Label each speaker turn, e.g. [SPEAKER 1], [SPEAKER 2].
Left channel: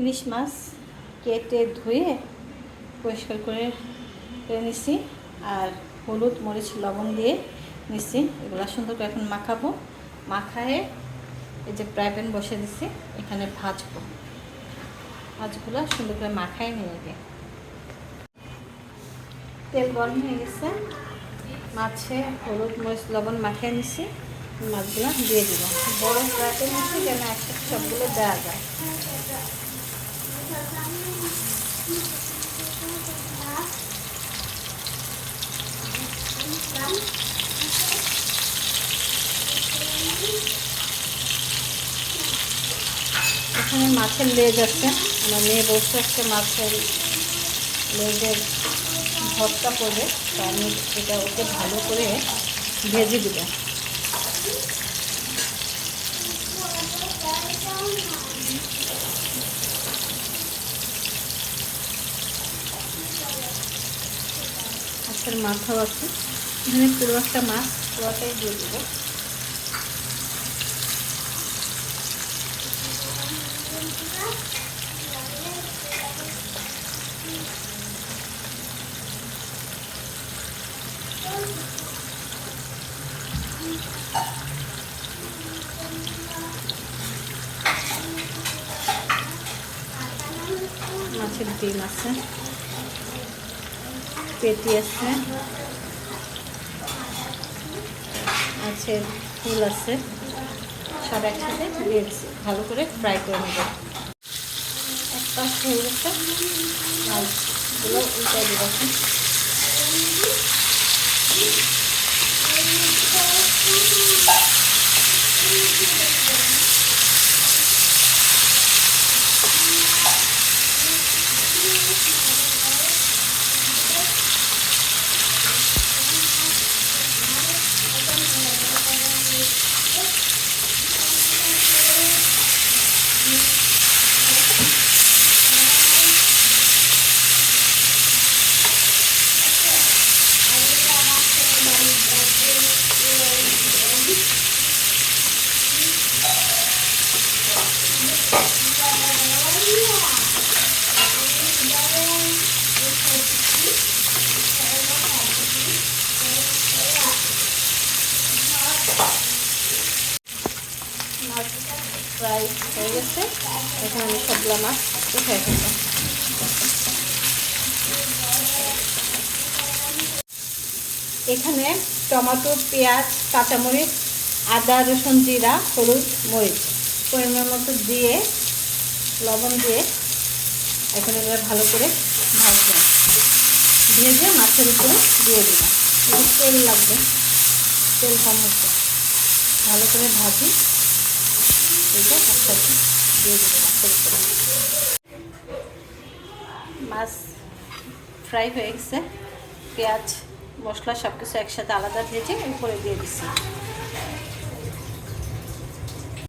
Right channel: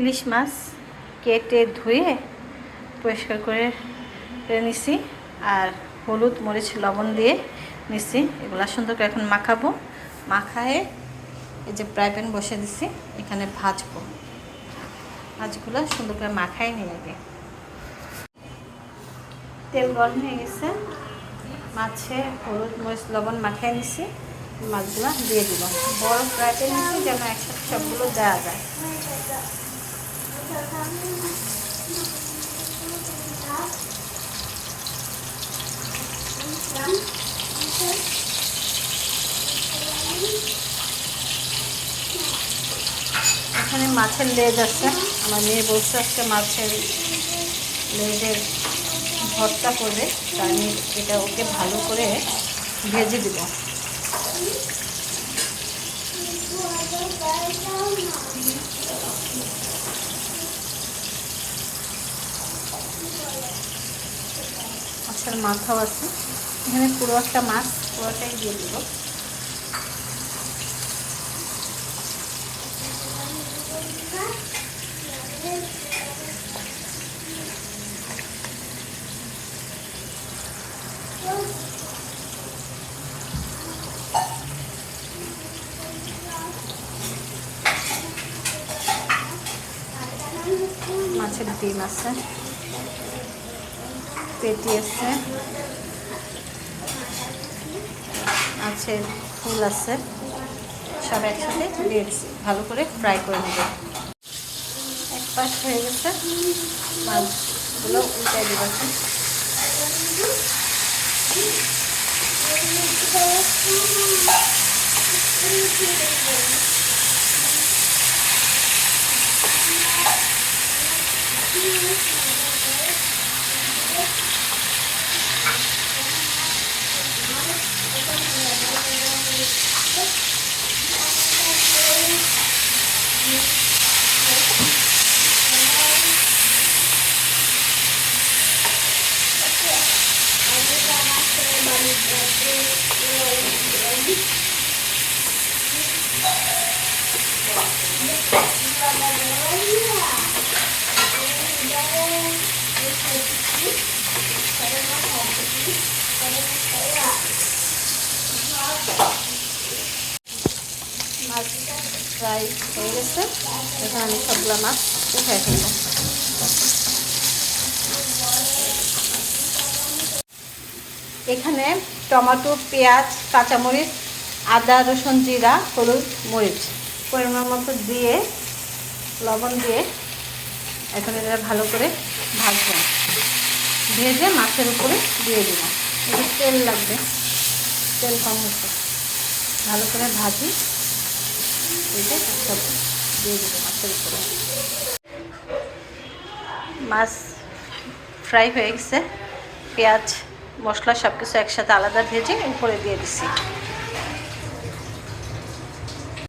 [SPEAKER 1] ইলিশ মাছ কেটে ধুয়ে পরিষ্কার করে নিছি আর হলুদ, মরিচ, লবণ দিয়ে নিছি। এগুলা সুন্দর করে এখন মাখাবো। মাখায়ে এই যে ফ্রাই প্যান বসে দিছি, এখানে ভাজবো। মাছগুলো সুন্দর করে মাখাই নিয়ে আগে। তেল গরম হয়ে গেছে। মাছে হলুদ, মরিচ, লবণ মাখাই নিছি। মাছগুলো দিয়ে দিব। বড় ফ্রাই প্যান নিচ্ছি যেন একসাথে সবগুলো দেওয়া যায়। এখানে মাছের লেজ আছে। আমার মেয়ে বলছে আজকে মাছের লেজের ভর্তা করবে, তো আমি এটা ওকে ভালো করে ভেজে দিব। মাছের মাথাও আছে। এখানে পুরো একটা মাছ পুরোটাই দিয়ে দেবো। মাছের ডিম আছে। পেটি আছে। মাছের ফুল আছে। সব একসাথে দিয়েছি ভালো করে ফ্রাই করে নেব। এক পাশ হয়ে গেছে। মাছগুলো উল্টাই দেবাছি ফ্রাই হয়ে গেছে। এখন আমি মাছ এখানে টমেটো, পেঁয়াজ, কাঁচামরিচ, আদা, রসুন, জিরা, হলুদ, মরিচ পরিমাণ মতো দিয়ে, লবণ দিয়ে এখন এটা ভালো করে ভাজবো। ভেজে মাছের উপরে দিয়ে একটু তেল লাগবে। তেল কম হচ্ছে। ভালো করে ভাজি। এটা একসাথে দিয়ে দেবো, মাছের উপরে। মাছ ফ্রাই হয়ে গেছে। পেঁয়াজ, মশলা সব কিছু একসাথে আলাদা ভেজে উপরে দিয়ে দিছি।